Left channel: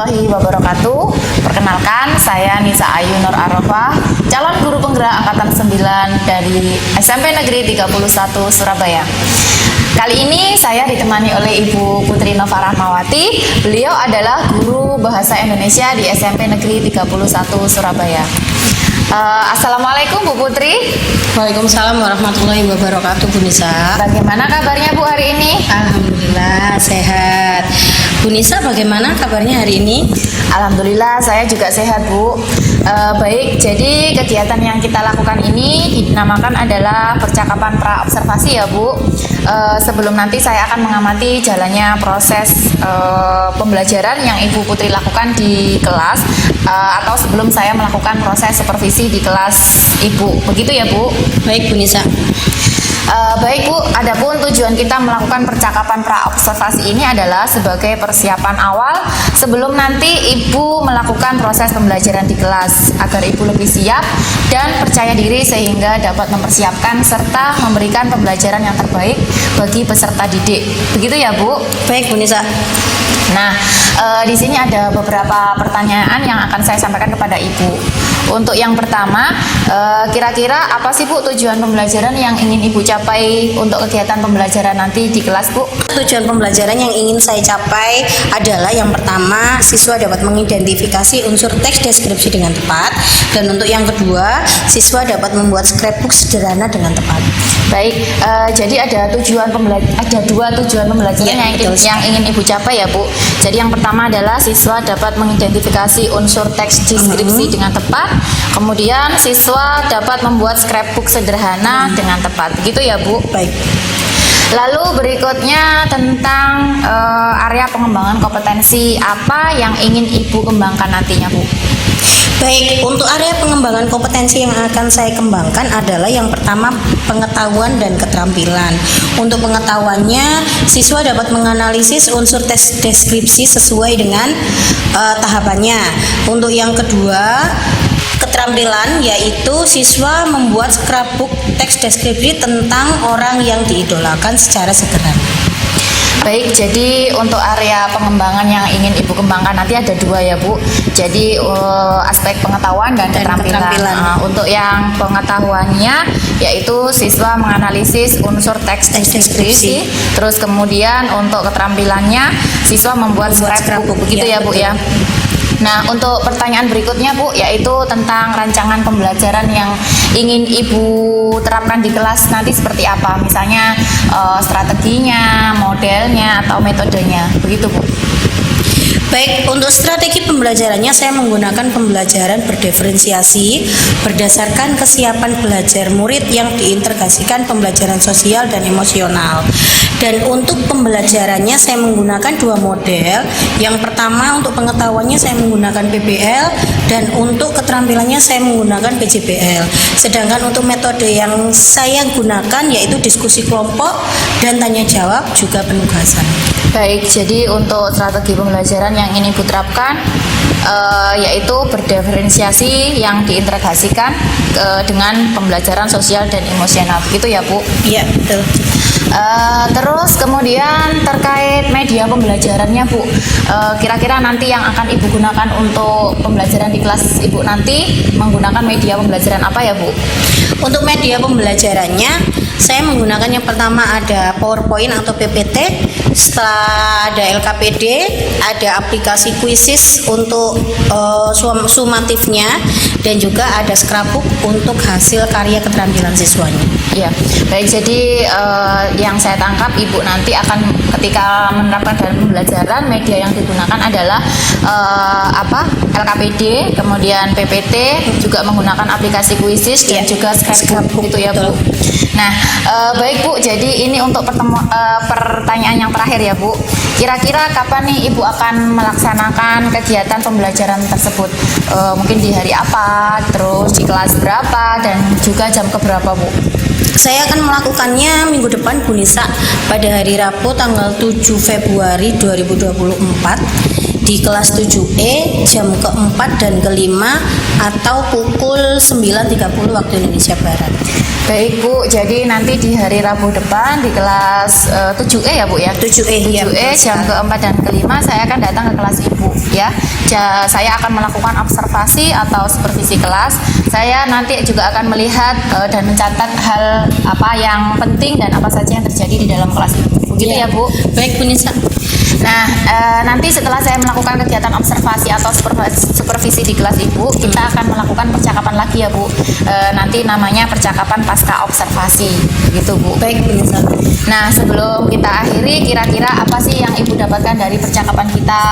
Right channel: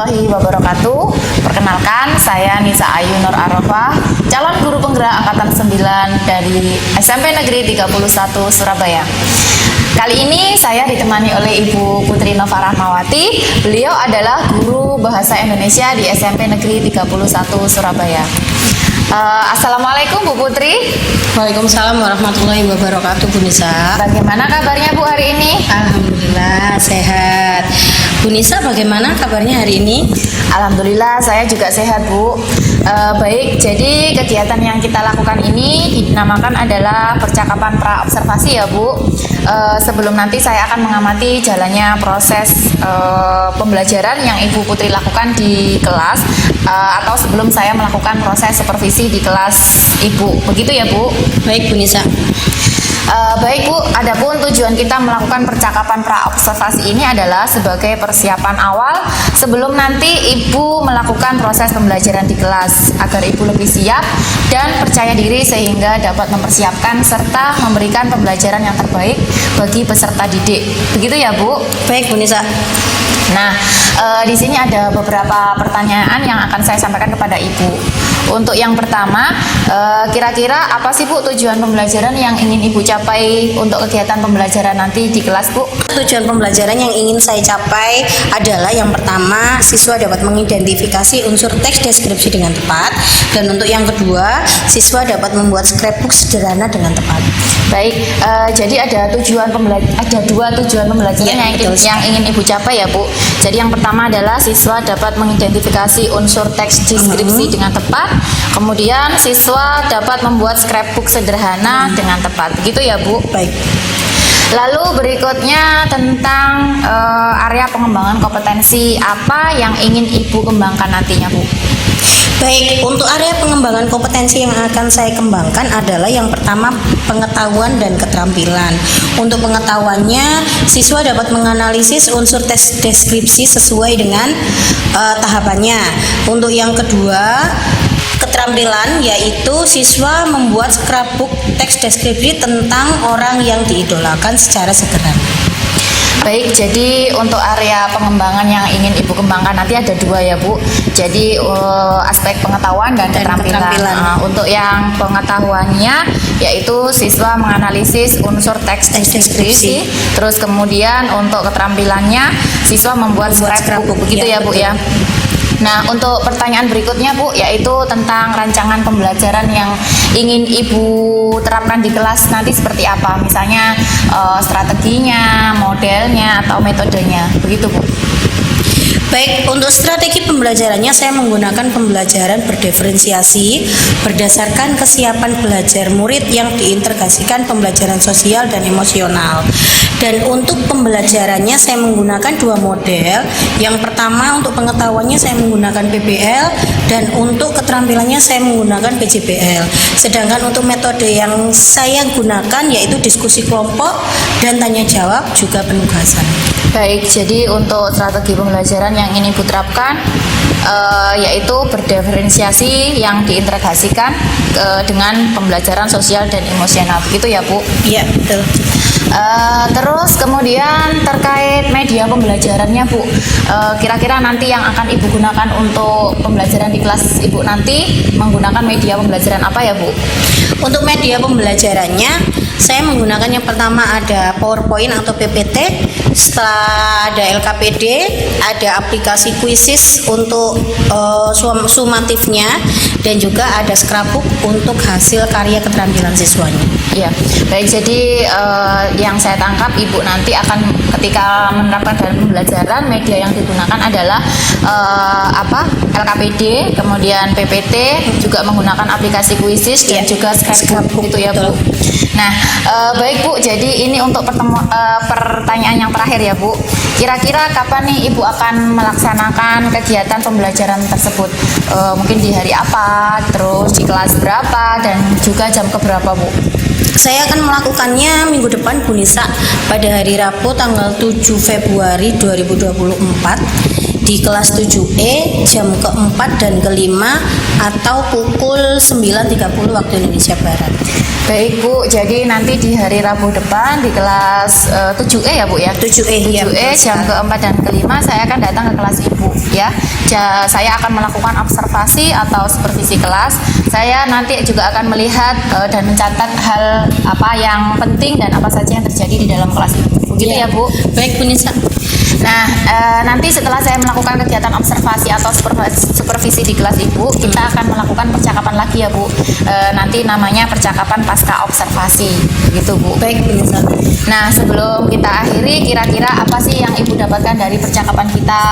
warahmatullahi wabarakatuh. Perkenalkan, saya Nisa Ayu Nur Arafah, calon guru penggerak angkatan 9 dari SMP Negeri 31 Surabaya. Kali ini saya ditemani oleh Ibu Putri Nova Rahmawati. Beliau adalah guru bahasa Indonesia di SMP Negeri 31 Surabaya. Assalamualaikum Bu Putri. Waalaikumsalam warahmatullahi wabarakatuh, Bu Nisa. Bagaimana kabarnya Bu hari ini? Alhamdulillah sehat. Bu Nisa, bagaimana kabarnya hari ini? Alhamdulillah saya juga sehat Bu. Baik, jadi kegiatan yang kita lakukan ini dinamakan adalah percakapan pra-observasi ya Bu. Sebelum nanti saya akan mengamati jalannya proses pembelajaran yang Ibu Putri lakukan di kelas, atau sebelum saya melakukan proses supervisi di kelas Ibu. Begitu ya Bu? Baik, Bu Nisa. Baik Bu, adapun tujuan kita melakukan percakapan pra-observasi ini adalah sebagai persiapan awal sebelum nanti Ibu melakukan proses pembelajaran di kelas, agar Ibu lebih siap dan percaya diri sehingga dapat mempersiapkan serta memberikan pembelajaran yang terbaik bagi peserta didik. Begitu ya Bu? Baik, Bu Nisa. Nah, di sini ada beberapa pertanyaan yang akan saya sampaikan kepada Ibu. Untuk yang pertama, kira-kira apa sih Bu tujuan pembelajaran yang ingin Ibu capai untuk kegiatan pembelajaran nanti di kelas Bu? Tujuan pembelajaran yang ingin saya capai adalah yang pertama, siswa dapat mengidentifikasi unsur teks deskripsi dengan tepat, dan untuk yang kedua, siswa dapat membuat scrapbook sederhana dengan tepat. Baik, jadi ada dua tujuan pembelajaran yang ingin Ibu capai ya Bu. Jadi yang pertama adalah siswa dapat mengidentifikasi unsur teks deskripsi dengan tepat, kemudian siswa dapat membuat scrapbook sederhana dengan tepat. Begitu ya Bu? Baik. Lalu berikutnya tentang area pengembangan kompetensi apa yang ingin Ibu kembangkan nantinya Bu? Baik, untuk area pengembangan kompetensi yang akan saya kembangkan adalah yang pertama, pengetahuan dan keterampilan. Untuk pengetahuannya, siswa dapat menganalisis unsur teks deskripsi sesuai dengan tahapannya. Untuk yang kedua, keterampilan, yaitu siswa membuat scrapbook teks deskripsi tentang orang yang diidolakan secara sederhana. Baik, jadi untuk area pengembangan yang ingin Ibu kembangkan nanti ada dua ya Bu. Jadi aspek pengetahuan dan keterampilan. Untuk yang pengetahuannya yaitu siswa menganalisis unsur teks deskripsi. Terus kemudian untuk keterampilannya siswa membuat scrapbook. Begitu ya Bu ya. Nah, untuk pertanyaan berikutnya Bu, yaitu tentang rancangan pembelajaran yang ingin Ibu terapkan di kelas nanti seperti apa? Misalnya strateginya, modelnya, atau metodenya. Begitu Bu. Baik, untuk strategi pembelajarannya saya menggunakan pembelajaran berdiferensiasi berdasarkan kesiapan belajar murid yang diintegrasikan pembelajaran sosial dan emosional. Dan untuk pembelajarannya saya menggunakan dua model. Yang pertama, untuk pengetahuannya saya menggunakan PBL, dan untuk keterampilannya saya menggunakan PJBL. Sedangkan untuk metode yang saya gunakan yaitu diskusi kelompok dan tanya jawab juga penugasan. Baik, jadi untuk strategi pembelajaran yang ingin Ibu terapkan yaitu berdiferensiasi yang diintegrasikan dengan pembelajaran sosial dan emosional. Begitu ya Bu? Iya, betul. Terus kemudian terkait media pembelajarannya Bu, kira-kira nanti yang akan Ibu gunakan untuk pembelajaran di kelas Ibu nanti menggunakan media pembelajaran apa ya Bu? Untuk media pembelajarannya saya menggunakan yang pertama ada PowerPoint atau PPT, setelah ada LKPD, ada aplikasi Quizzes untuk sumatifnya, dan juga ada scrapbook untuk hasil karya keterampilan siswanya. Ya, baik. Jadi yang saya tangkap Ibu nanti akan ketika menerapkan dalam pembelajaran, media yang digunakan adalah LKPD, kemudian PPT, juga menggunakan aplikasi Quizzes dan juga scrapbook gitu ya Bu. Nah, baik Bu, jadi ini untuk pertanyaan yang terakhir ya Bu. Kira-kira kapan nih Ibu akan melaksanakan kegiatan pembelajaran tersebut? Mungkin di hari apa, terus di kelas berapa, dan juga jam keberapa Bu? Saya akan melakukannya minggu depan Bu Nisa, pada hari Rabu tanggal 7 Februari 2024 di kelas 7E jam keempat dan kelima atau pukul 9.30 waktu Indonesia Barat. Baik Bu, jadi nanti di hari Rabu depan di kelas 7E ya Bu ya? 7E, ya, 7E jam keempat dan kelima saya akan datang ke kelas Ibu ya. Saya akan melakukan observasi atau supervisi kelas. Saya nanti juga akan melihat dan mencatat hal apa yang penting dan apa saja yang terjadi di dalam kelas Ibu. Begitu ya Bu? Baik Bu Nisa. Nah, nanti setelah saya melakukan kegiatan observasi atau supervisi di kelas Ibu, kita akan melakukan percakapan lagi ya Bu. Nanti namanya percakapan pasca observasi, gitu Bu. Baik Bu Nisa. Nah, sebelum kita akhiri, kira-kira apa sih yang Ibu dapatkan dari percakapan kita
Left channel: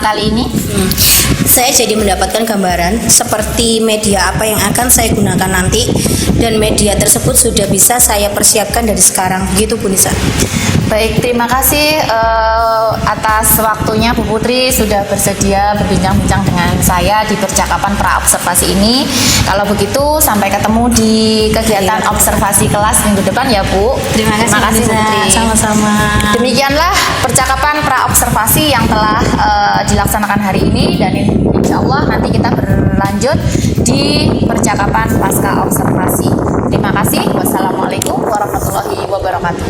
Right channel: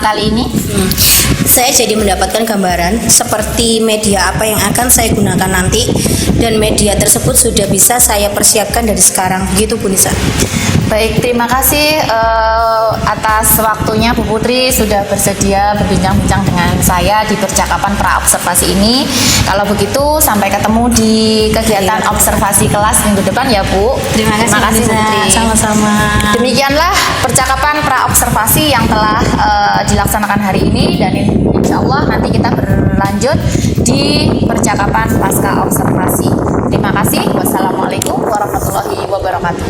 kali ini? Saya jadi mendapatkan gambaran seperti media apa yang akan saya gunakan nanti, dan media tersebut sudah bisa saya persiapkan dari sekarang, gitu Bu Nisa. Baik, terima kasih atas waktunya Bu Putri sudah bersedia berbincang-bincang dengan saya di percakapan pra-observasi ini. Kalau begitu, sampai ketemu di kegiatan observasi kelas minggu depan ya Bu. Terima kasih Bu Putri. Sama-sama. Demikianlah percakapan pra-observasi yang telah dilaksanakan hari ini, dan insya Allah nanti kita berlanjut di percakapan pasca observasi. Terima kasih. Wassalamualaikum warahmatullahi wabarakatuh.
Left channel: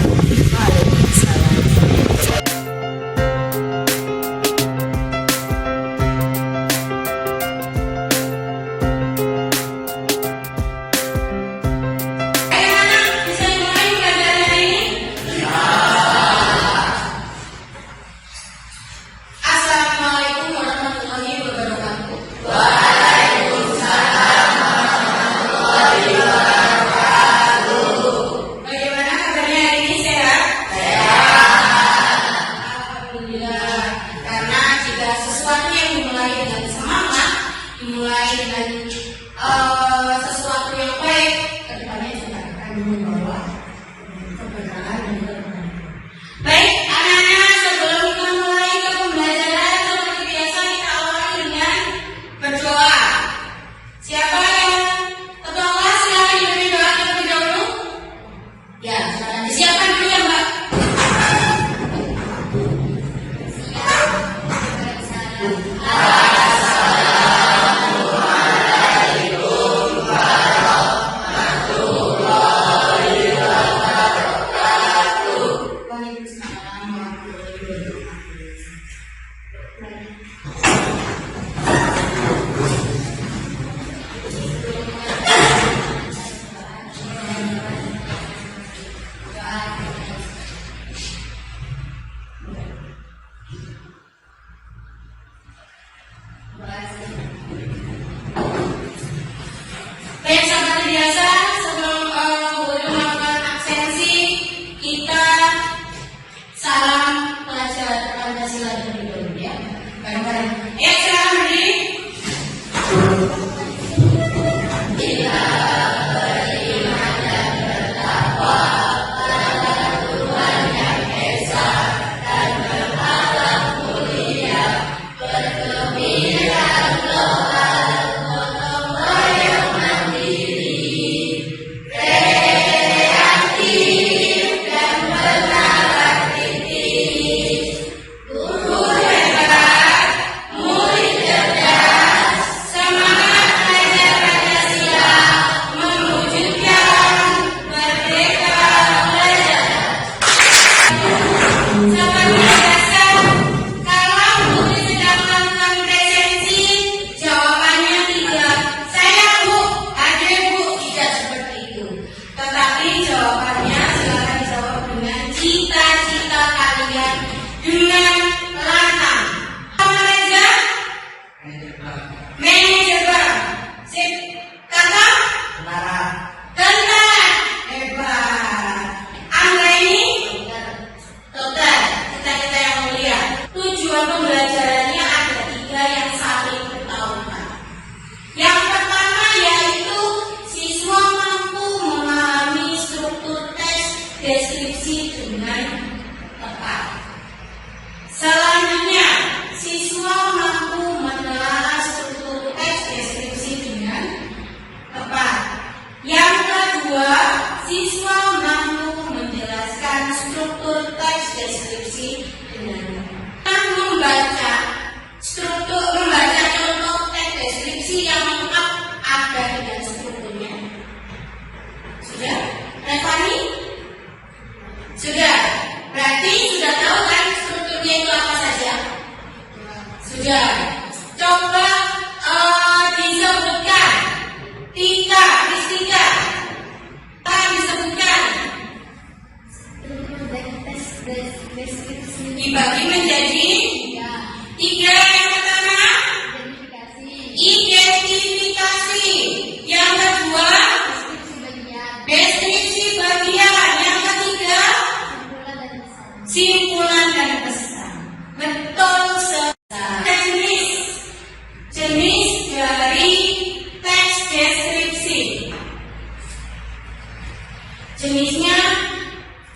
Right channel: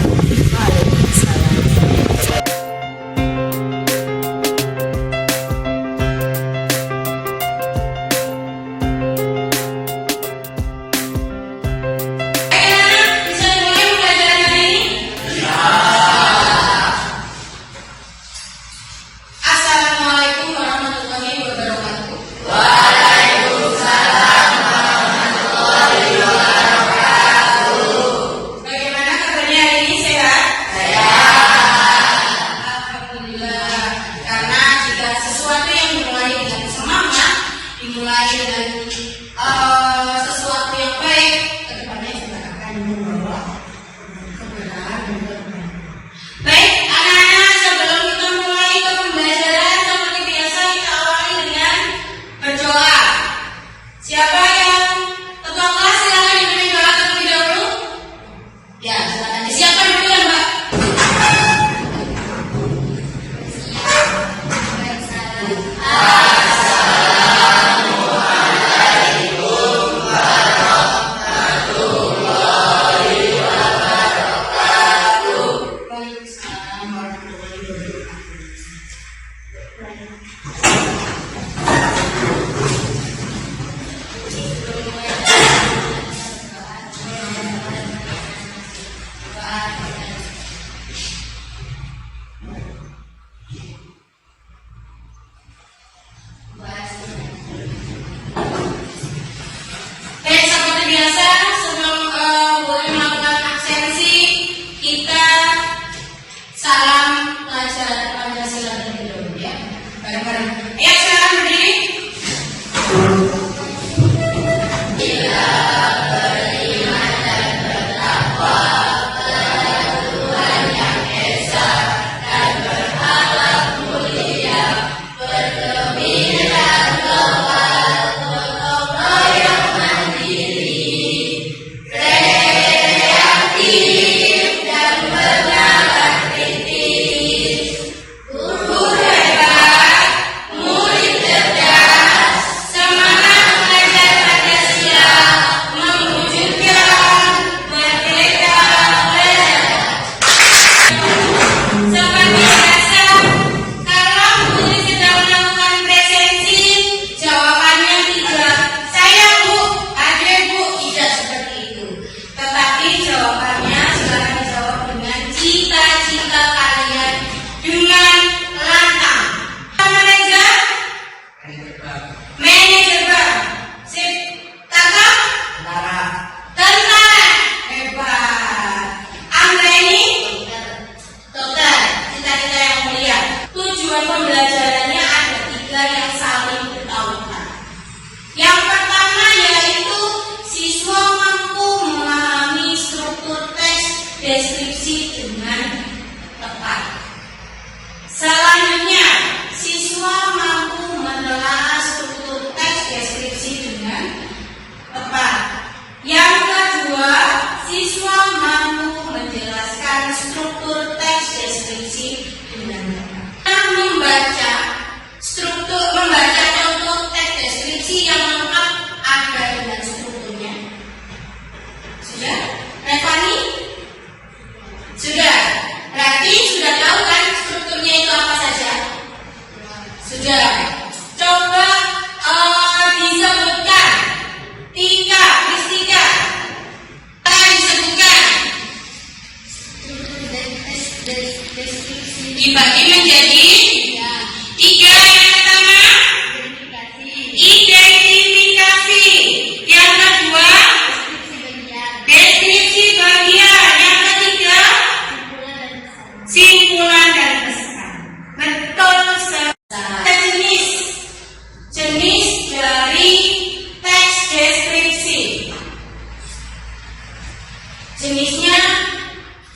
jenis dari teks deskripsi. Jenisnya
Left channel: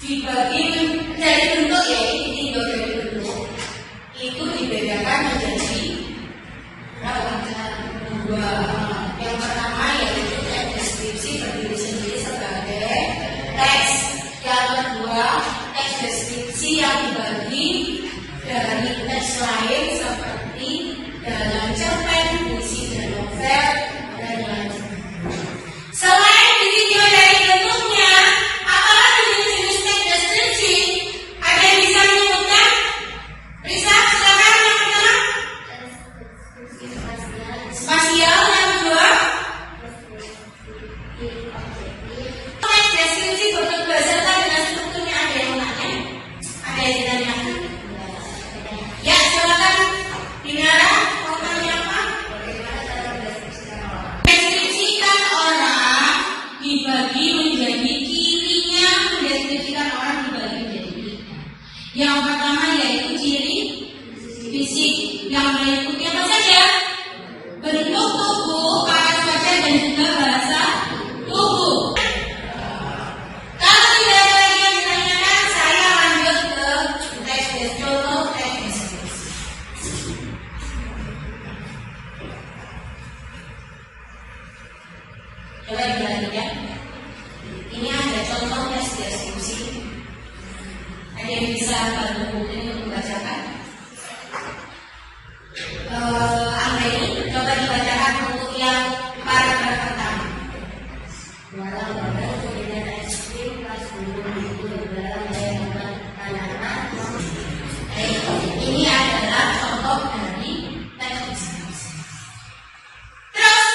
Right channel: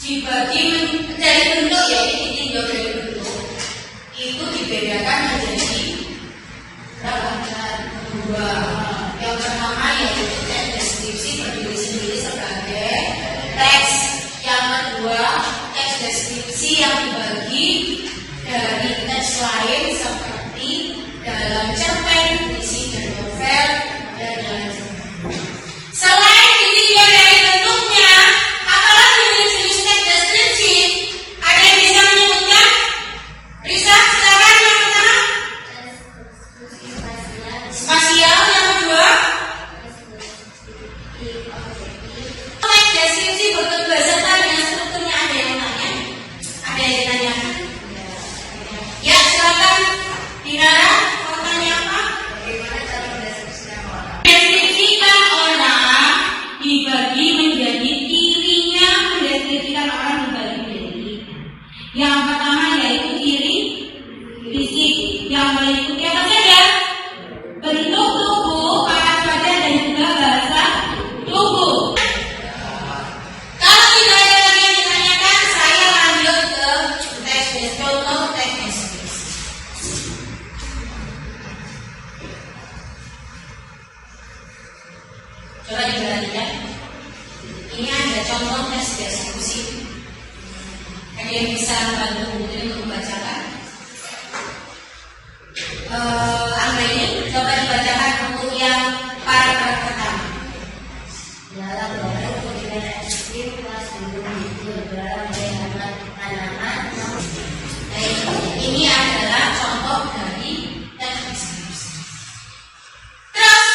dibagi dari bentuk, ya ini ditinjau dari bentuk. Itu dibedakan menjadi dua. Yang pertama yaitu teks deskripsi berdiri sendiri sebagai teks. Yang kedua, teks deskripsi yang dibagi dari teks lain seperti dalam cerpen, puisi, dan novel, dan lain-lain. Selain ditinjau dari bentuknya, apalagi jenis teks deskripsi, ada yang bisa menyebutkan? Risa, silakan yang pertama. Spasial, yang kedua. Teks deskripsi bentuk berdasarkan dengan strukturnya, ada yang tanya? Ada yang ditanyakan? Ya, silakan. Dinara, mau tanya apa? Deskripsikan orang dibagi menjadi cirinya, mendeskripsikan orang dibagi menjadi tiga. Yang pertama yaitu ciri fisik, yang meliputi apa saja? Bentuk tubuh, alat wajah, dan juga bahasa tubuh. Kalau tidak ada lagi yang ditanyakan, saya lanjut ke teks contoh teks deskripsi. Coba diperhatikan. Ini ada contoh teks deskripsi. Ada yang bisa bantu Putri untuk membacakan? Angga ini coba dibacakan untuk yang paragraf pertama. Dalam proses pembinaan ekstrim kelas dulu itu dalam penanaman tanaman. Ini adalah contoh dari teks deskripsi. Terus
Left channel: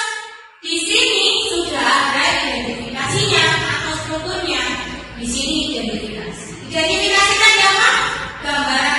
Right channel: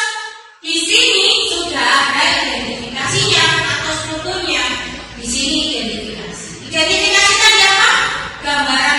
di sini sudah ada identifikasinya atau strukturnya. Di sini identifikasi. Identifikasinya apa? Gambaran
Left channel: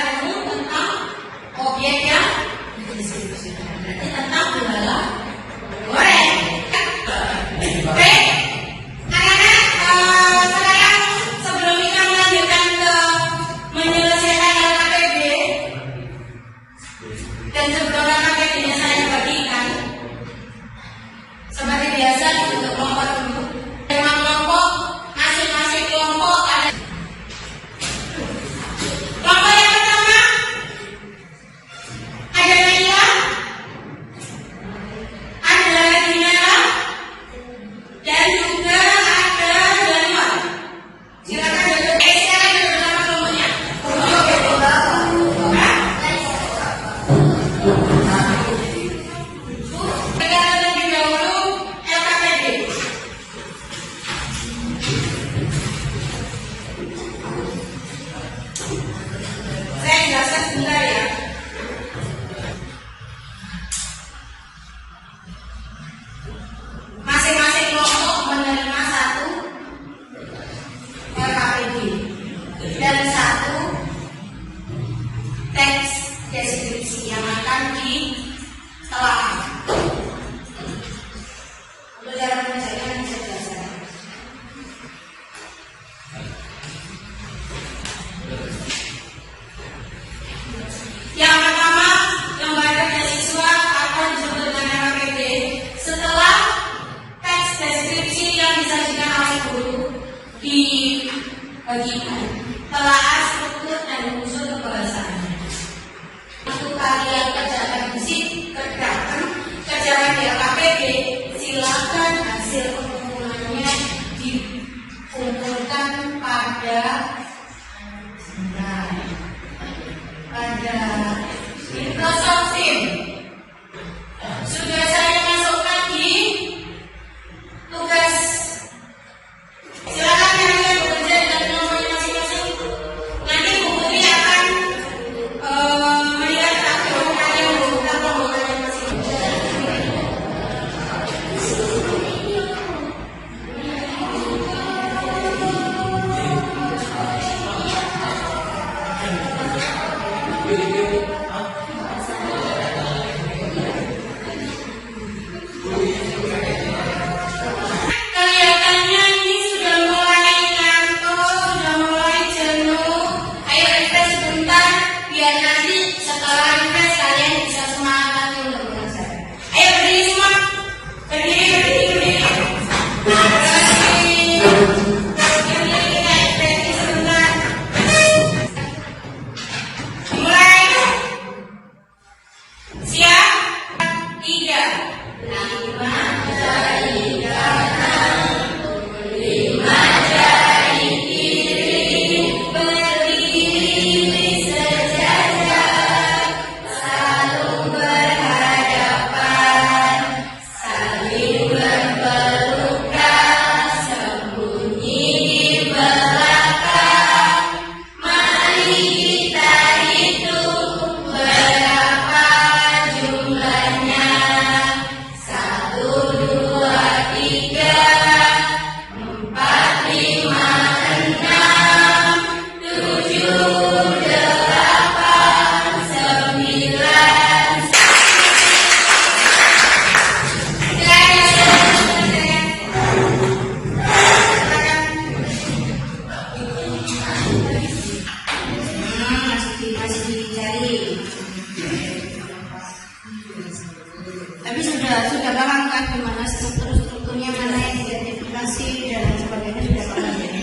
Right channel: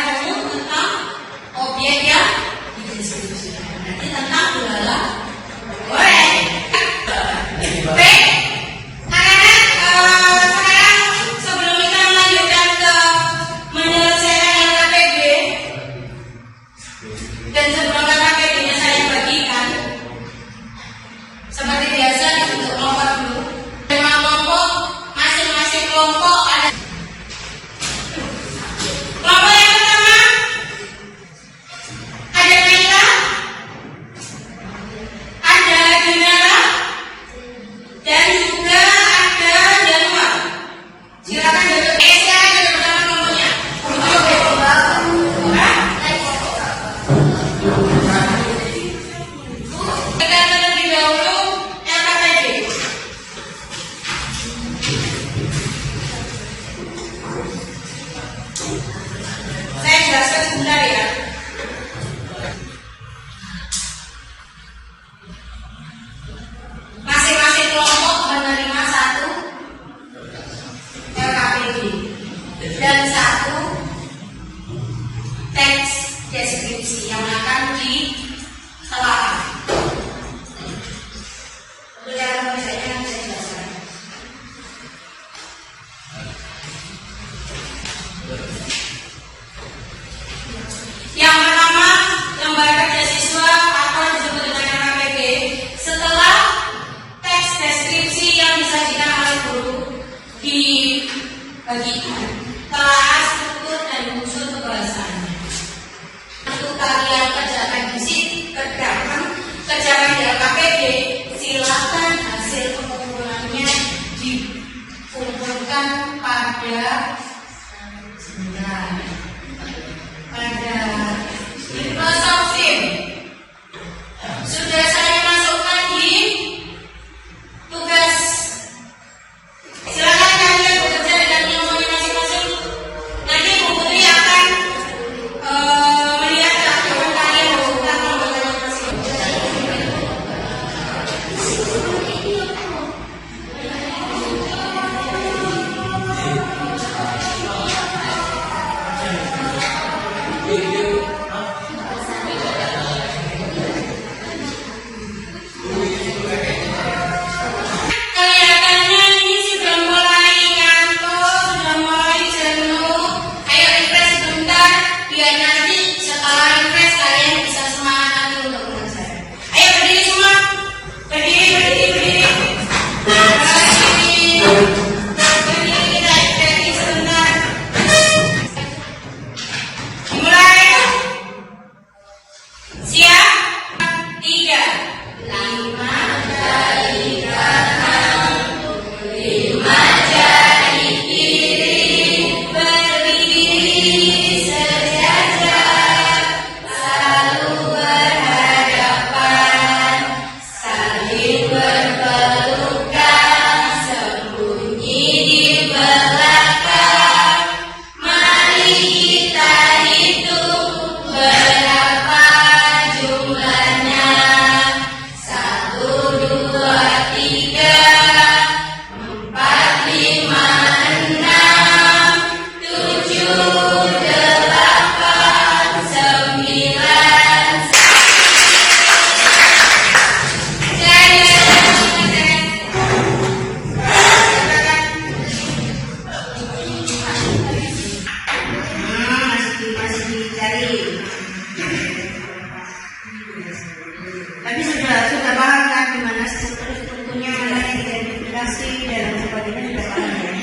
sudah paham kan gimana strukturnya, mana yang identifikasi dan sebagainya, sudah paham ya.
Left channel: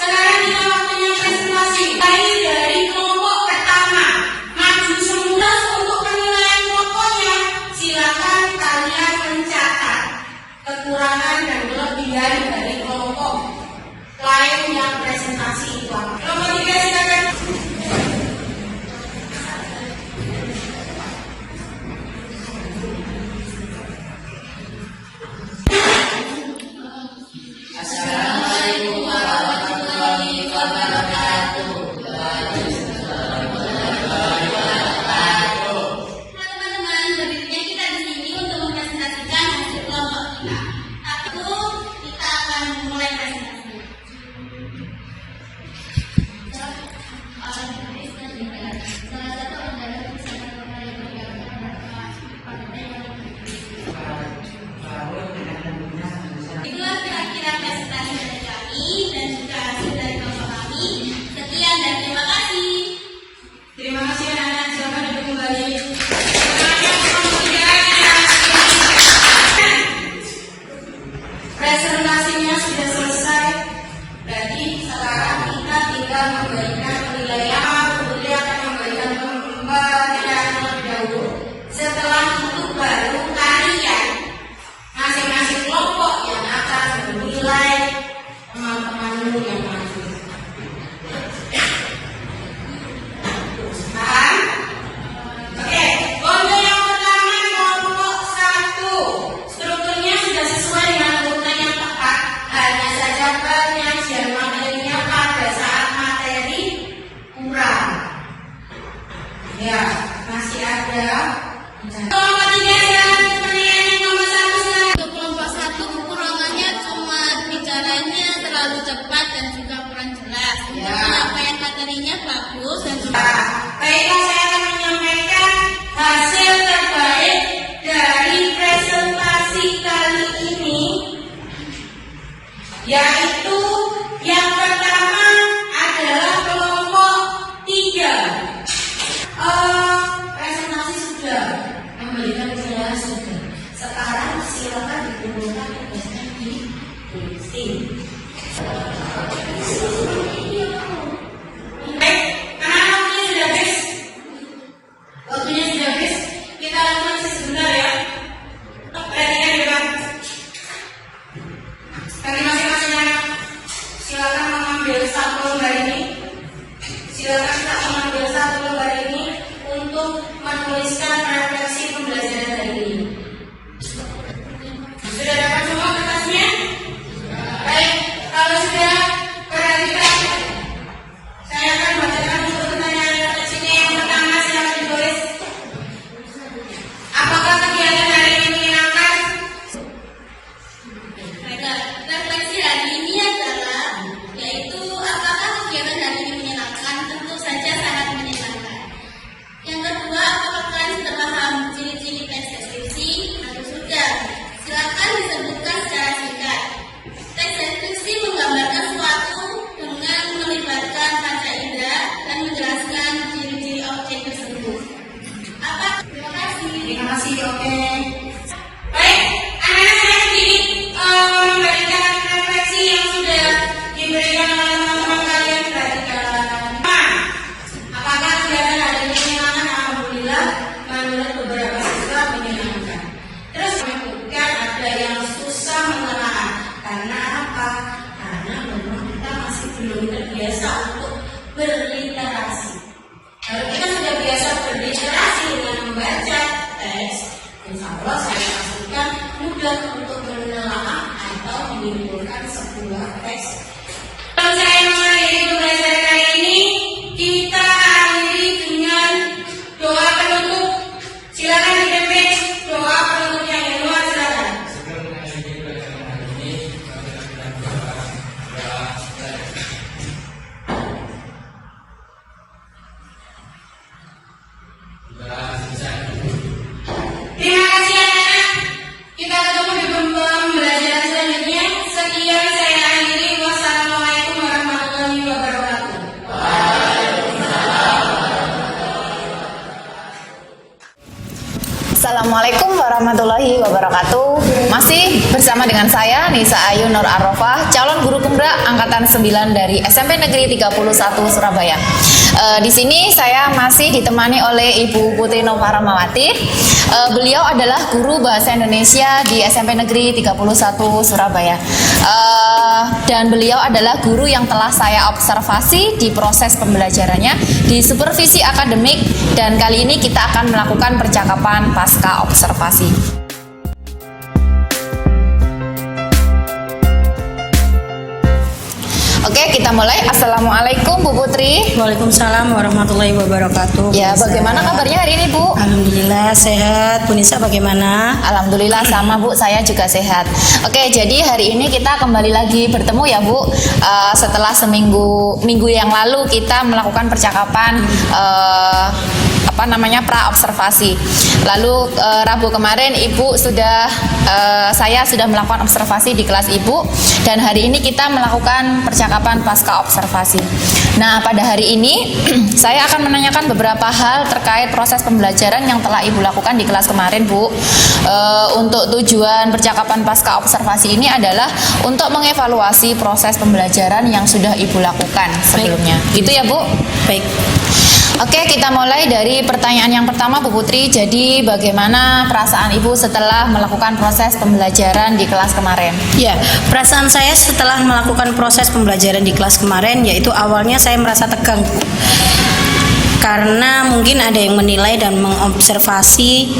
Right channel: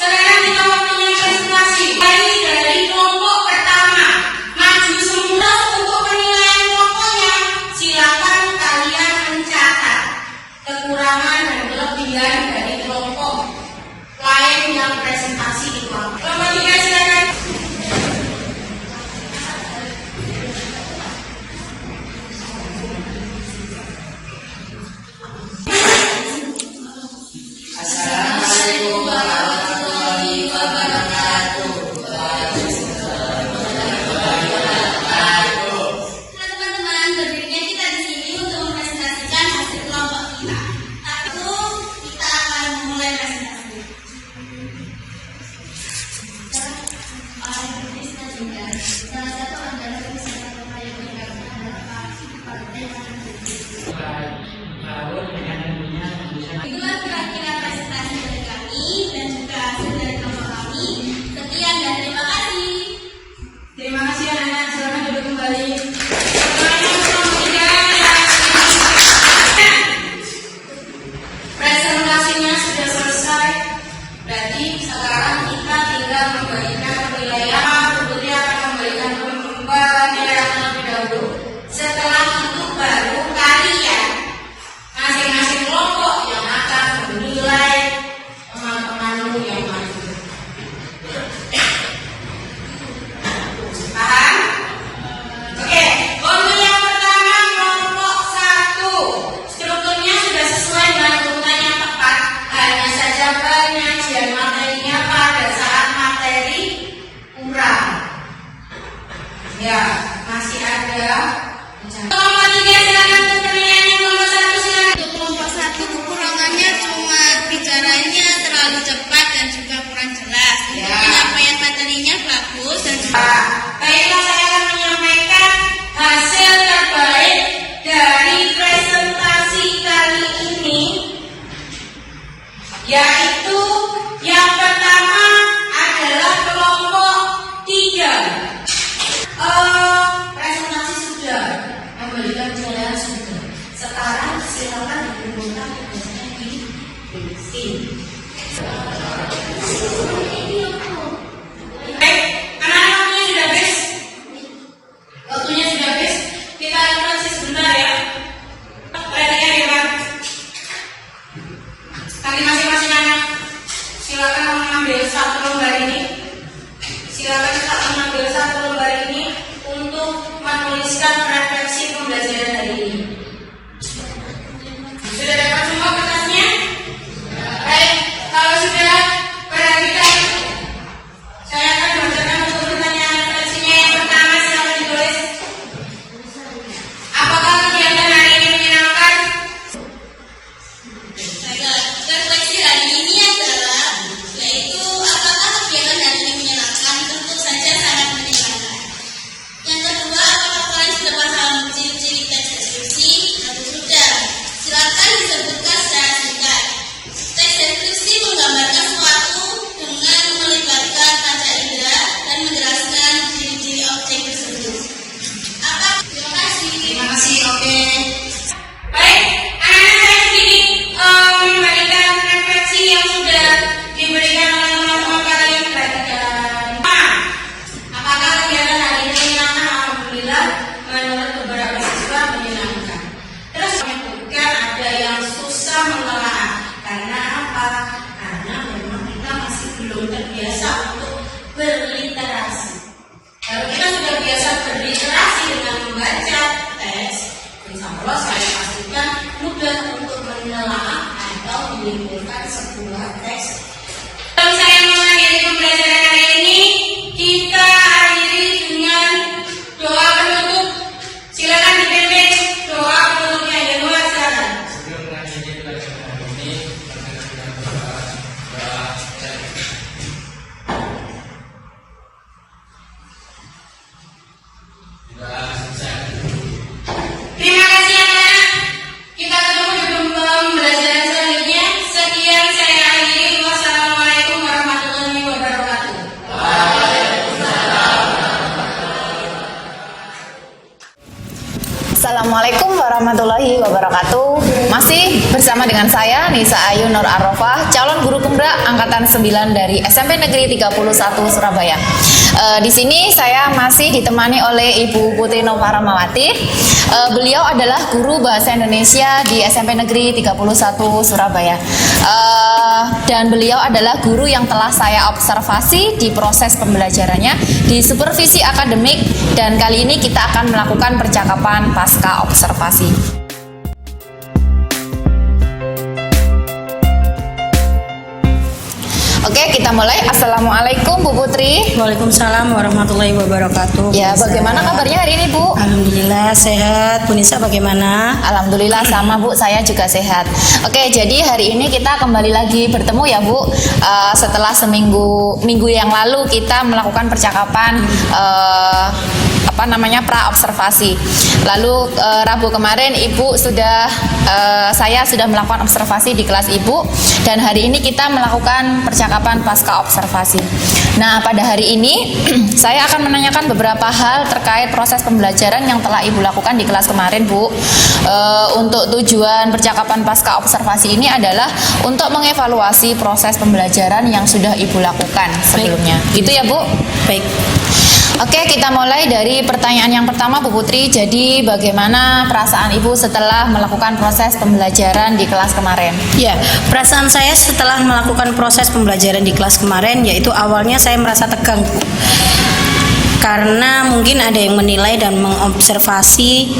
Sekarang kita waktunya presentasi dari kelompok pertama. Maju semula untuk penilaian pokoknya. Silakan kalian mencatat kekurangan dan kelebihan dari kelompok lain yang presentasi itu. Kelompok 3 silakan. Assalamualaikum warahmatullahi wabarakatuh. Teman-teman, berdirinya kita di sini untuk mempresentasikan hasil kelompok kita. Satu, kita akan memulai presentasi. Salah satu adalah wisata kota Yogyakarta. Itulah kira-kira presentasi dari kami dan juga hasil dari kelompok kami. Sekian dan terima kasih. Terima kasih anak-anak. Silakan duduk kembali. Presentasinya sudah selesai. Berarti sekarang kita tinggal memberikan penilaian. Kemudian akan memberikan penilaian terlebih dahulu. Setelah itu baru kalian masing-masing kelompok yang akan menilai teman-temanmu yang maju. Paham? Oke, untuk yang pertama kelompok 1. Strukturnya sudah sesuai dengan urutan yang tepat. Hanya saja penyajian materinya pada saat materi kurang. Ya, masih ada. Kelompok 3 silakan ke penilaian yang nomor 1 silakan. Untuk kelompok 1 kekurangannya cuma bicaranya terlalu cepat dan juga kurang jelas. Untuk Ya. penyampaian materinya bagus dan juga Baiklah, saya akan menyampaikan hasil terbaik dari presentasi kali ini, yaitu yang pertama adalah kelompok 3. Presentasi sudah, memberikan penilaian sudah. Sekarang silakan dikumpulkan tugasnya di sini. Baik, anak-anak waktunya sudah habis. Waktunya sudah habis. Kita evaluasi sebentar ya. Perhatikan ya Pak. Bagi masing-masing anak, silakan mengambil satu lembar ini. Silakan kita mengambil satu lembar ini untuk menuliskan refleksi pembelajaran hari ini. Sudah dapat semua kertasnya? Baik, kalau sudah perhatikan. Saya akan bacakan untuk pertanyaan refleksinya. Yang pertama silakan ditulis. Apakah kegiatan hari ini menyenangkan? refleksi hari ini adalah yaitu apakah kegiatan hari ini menyenangkan? Tentu saja sangat menyenangkan. Yang kedua, apakah kalian sudah paham ciri-ciri teks deskripsi atau sudah? Silakan disebutkan secara singkat. Teks deskripsi menggambarkan sesuatu dengan melibatkan panca indera dan menjelaskan ciri-ciri objek tersebut. Terima kasih. Terima kasih, oke. Baik, anak-anak saya sedikit memberikan refleksi yang sudah diberikan oleh teman-teman kalian. Perhatikan. Apakah kegiatan hari ini menyenangkan? Alhamdulillah, menurut beberapa siswa menyenangkan. Terus bukan ada yang susah menelaah. Karena apa? Karena memang kita masih belum terbiasa untuk berliterasi. Kalau kita sudah biasa berliterasi dengan membaca teks, insya Allah saya pastikan mudah untuk menelaah atau menyimpulkan sebuah teks. Kalau saya mengakhiri pembelajaran hari ini, kita akhiri dengan doa penutup. Silakan dipimpin doa penutupnya di luar sana. Terima kasih anak-anak. Kita ketemu di pembelajaran selanjutnya. Sekian saya akhiri. Assalamualaikum warahmatullahi wabarakatuh. Masih bersama dengan saya Nisa Ayu Nur Arofah, calon guru penggerak angkatan 9 dari SMP Negeri 31 Surabaya. Di sini saya masih ditemani oleh Ibu Putri Nova Ramawati. Beliau adalah guru bahasa Indonesia di SMP Negeri 31 Surabaya. Dan beliau adalah guru yang telah saya observasi di proses pembelajarannya di supervisi akademik, dan kali ini kita akan melakukan percakapan pasca observasi. Oke, kita mulai. Assalamualaikum Bu Putri. Waalaikumsalam warahmatullahi wabarakatuh. Ya, Bu Nisa. bagaimana kabarnya hari ini Bu? Alhamdulillah sehat. Bu Nisa bagaimana? Alhamdulillah sama Bu, saya juga sehat. Oke, jadi hari ini kita kembali lagi bertemu ya Bu. Setelah minggu yang lalu kita melakukan percakapan pra observasi. Lalu Rabu kemarin saya sudah melakukan observasi di kelas Ibu, dan hari ini kita melakukan percakapan pasca observasi. Nah, pada hari ini saya akan menanyakan beberapa hal terkait proses pembelajaran yang telah Ibu lakukan di kelas kemarin, Bu. Untuk tujuan percakapan pasca observasi ini adalah untuk mengevaluasi proses pembelajaran yang sudah Ibu lakukan sebelumnya. Gitu ya, Bu? Baik. Oke, kita mulai dari pertanyaan yang pertama, Bu Putri. Jadi, bagaimana perasaan Ibu setelah melakukan proses pembelajaran di kelas kemarin? Ya, perasaan saya setelah melakukan proses pembelajaran di kelas kemarin, yaitu awalnya saya merasa tegang, Bu. Karena mungkin ada yang menilai dan mengobservasi,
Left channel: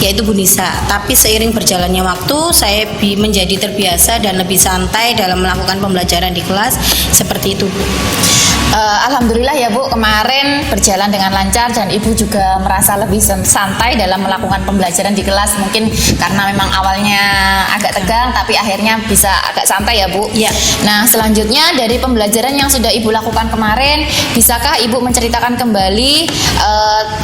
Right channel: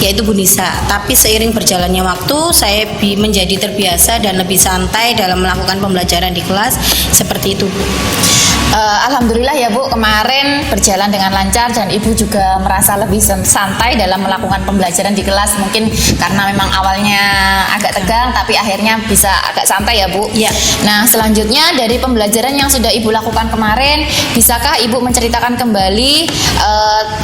yaitu Bu Nisa. Tapi seiring berjalannya waktu, saya menjadi terbiasa dan lebih santai dalam melakukan pembelajaran di kelas. Seperti itu, Bu. Alhamdulillah ya Bu, kemarin berjalan dengan lancar dan Ibu juga merasa lebih santai dalam melakukan pembelajaran di kelas. Mungkin karena memang awalnya agak tegang, tapi akhirnya bisa agak santai ya Bu. Ya. Nah, selanjutnya dari pembelajaran yang sudah Ibu lakukan kemarin, bisakah Ibu menceritakan kembali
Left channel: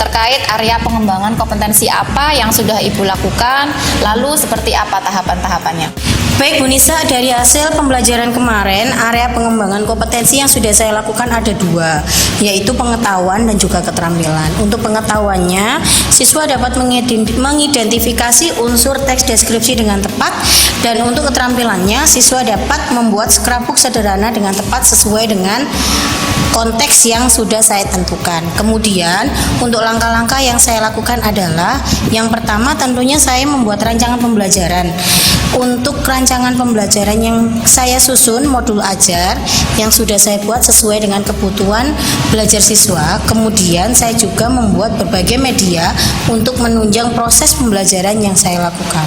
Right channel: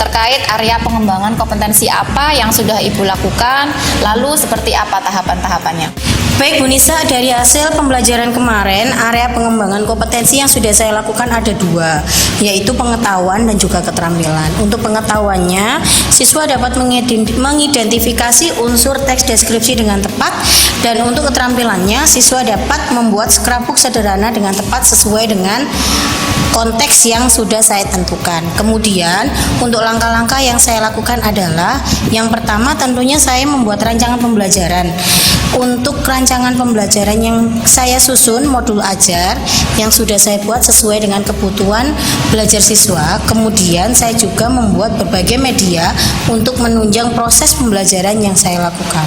terkait area pengembangan kompetensi apa yang sudah Ibu lakukan, lalu seperti apa tahapan-tahapannya? Baik Bu Nisa, dari hasil pembelajaran kemarin, area pengembangan kompetensi yang sudah saya lakukan ada dua, yaitu pengetahuan dan juga keterampilan. Untuk pengetahuannya, siswa dapat mengidentifikasi unsur teks deskripsi dengan tepat, dan untuk keterampilannya, siswa dapat membuat scrapbook sederhana dengan tepat sesuai dengan konteks yang sudah saya tentukan. Kemudian, untuk langkah-langkah yang saya lakukan adalah, yang pertama tentunya saya membuat rancangan pembelajaran. Untuk rancangan pembelajaran yang saya susun modul ajar yang sudah saya buat sesuai dengan kebutuhan belajar siswa. Kemudian saya juga membuat berbagai media untuk menunjang proses pembelajaran yang saya lakukan.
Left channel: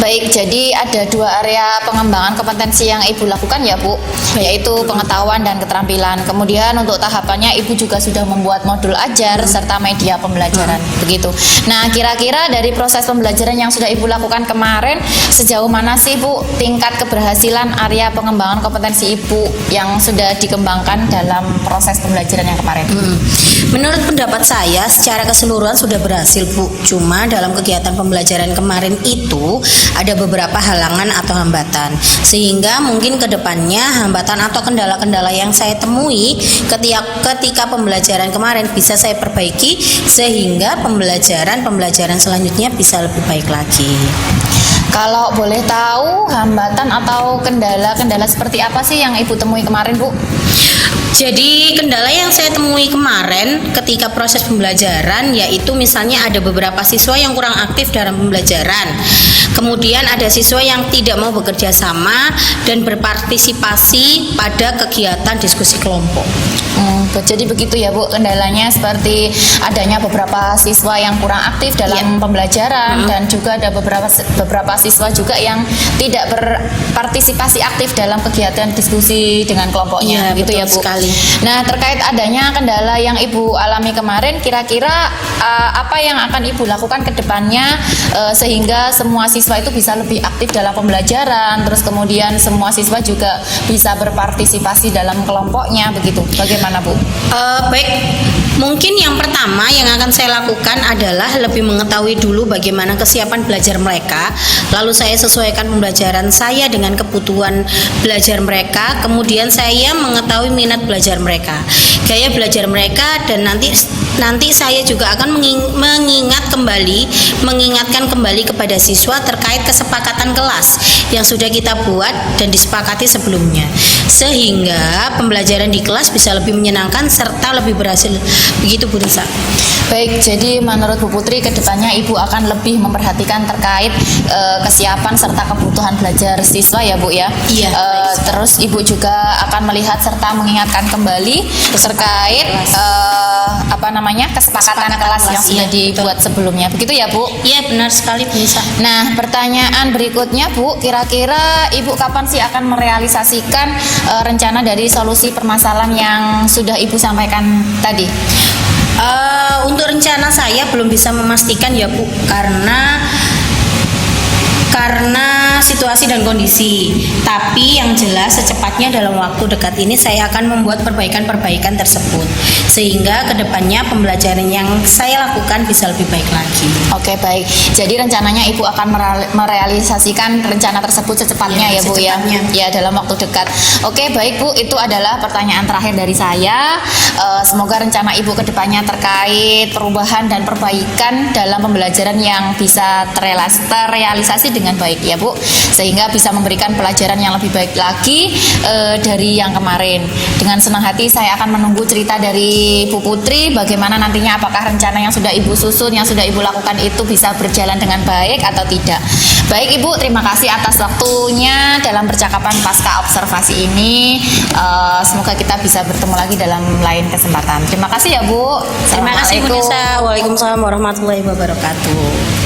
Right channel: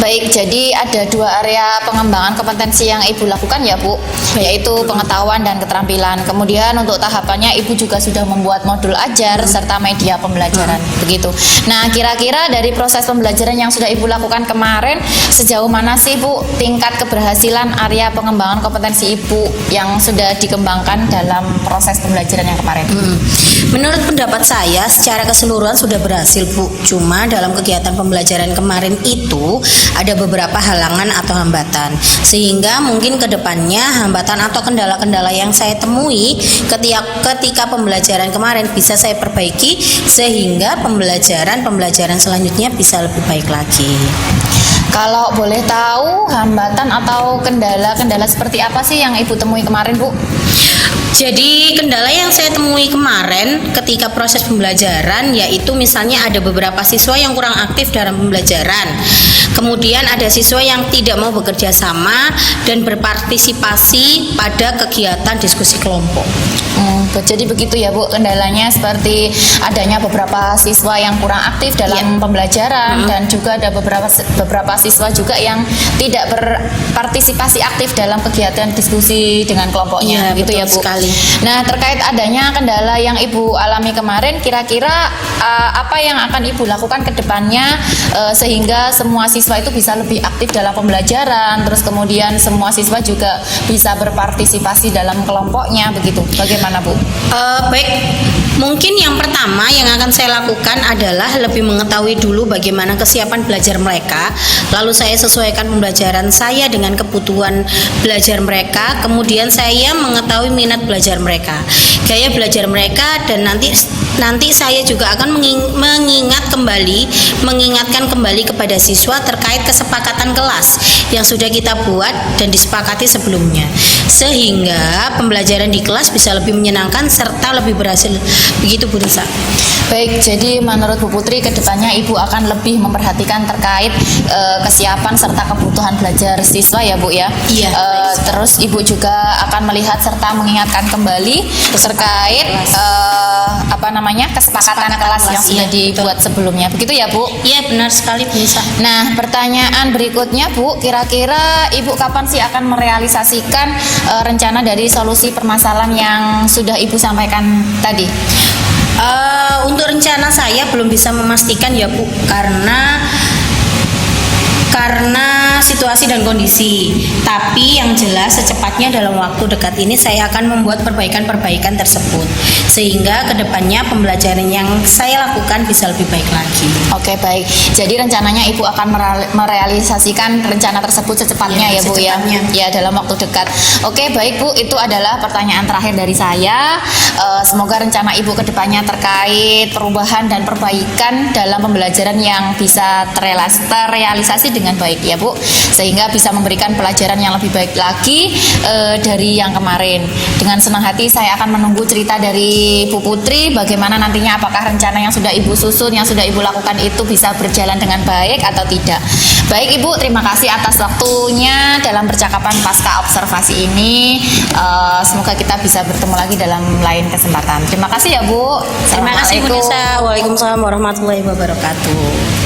Baik, jadi ada dua area pengembangan kompetensi yang Ibu lakukan ya Bu, yaitu pengetahuan dan keterampilan. Kemudian untuk tahapannya Ibu juga sudah membuat modul ajar serta media pembelajaran, begitu. Nah, kira-kira dari proses pembelajaran yang sudah Ibu lakukan kemarin, sejauh mana sih Bu tingkat keberhasilan area pengembangan kompetensi Ibu yang sudah dikembangkan dalam proses pembelajaran yang kemarin? Menurut pendapat saya, secara keseluruhan sudah berhasil Bu. Cuma dalam kegiatan pembelajaran kemarin itu ada beberapa halangan atau hambatan, sehingga mungkin kedepannya hambatan atau kendala-kendala yang saya temui ketika pembelajaran kemarin bisa saya perbaiki, sehingga pembelajaran selanjutnya bisa lebih baik lagi. Kalau boleh tahu hambatan atau kendala-kendala seperti apa sih yang Ibu temui kemarin Bu? Jadi kendala yang saya temui kemarin ketika proses pembelajaran, yaitu misalnya ada beberapa siswa yang kurang aktif dalam pembelajaran. Kemudian ada siswa yang tidak mau bekerja sama dan berpartisipasi pada kegiatan diskusi kelompok. Jadi begitu ya Bu, kendalanya seperti adanya beberapa siswa yang kurang aktif dalam pembelajaran, dan juga ada beberapa siswa juga yang tidak berpartisipasi aktif dalam kegiatan diskusi dengan kelompoknya, gitu ya Bu. Sekali. Nah, terkait adanya kendala yang Ibu alami kemarin, kira-kira apa yang akan Ibu lakukan ke depannya sehingga semua siswa itu bisa lebih aktif dalam pembelajaran, terus kemudian semua siswa juga bisa berpartisipasi dalam kelompoknya, begitu. Bagaimana Bu? Baik, Mungkin yang pertama yang akan saya lakukan adalah lebih mengetahui dulu bagaimana kesiapan belajar mereka. Lalu saya sesuaikan pembelajaran saya dengan kebutuhan belajar mereka. Kemudian saya mengetahui minat belajar mereka, gaya belajar mereka, dan nanti saya juga akan mengingatkan kembali kepada siswa terkait kesepakatan kelas yang sudah kita buat dan disepakati sebelumnya, sehingga pembelajaran di kelas bisa lebih menyenangkan serta lebih berhasil. Begitu Bu Nisa. Baik, jadi menurut Bu Putri kedepannya Ibu akan lebih memperhatikan terkait kesiapan serta kebutuhan belajar siswa ya Bu ya. Iya, Terus Ibu juga akan melihat serta mengingatkan kembali terkait kesepakatan kelas yang sudah iya, dibuat sebelumnya. Begitu ya Bu? Iya, benar sekali Bu Nisa. Nah, pertanyaan berikutnya Bu, kira-kira Ibu kapan sih akan merealisasikan rencana dari solusi permasalahan yang sudah Ibu sampaikan tadi? Untuk rencana saya belum bisa memastikan ya Bu, karena situasi dan kondisi. Tapi yang jelas secepatnya dalam waktu dekat ini saya akan membuat perbaikan-perbaikan tersebut, sehingga kedepannya pembelajaran yang saya lakukan bisa lebih baik lagi. Oke, baik. Jadi rencananya Ibu akan merealisasikan rencana tersebut secepatnya ya Bu ya? secepatnya. Ya, dalam waktu dekat. Oke, baik Bu, itu adalah pertanyaan terakhir dari saya. Semoga rencana Ibu kedepannya terkait perubahan dan perbaikan dalam pembelajaran yang bisa terrealisasi dengan baik ya Bu, sehingga bisa memberikan pelajaran yang lebih baik lagi dari yang kemarin. Dengan senang hati saya akan menunggu cerita dari Bu Putri bagaimana nantinya, apakah rencana yang sudah Ibu susun, yang sudah Ibu lakukan itu bisa berjalan dengan baik atau tidak. Baik Ibu, terima kasih atas waktunya dalam percakapan pasca observasi ini. Semoga kita bisa bertemu lagi dalam lain kesempatan. Terima kasih ya Bu. Terima kasih Bu Assalamualaikum. Nisa. Waalaikumsalam warahmatullahi wabarakatuh.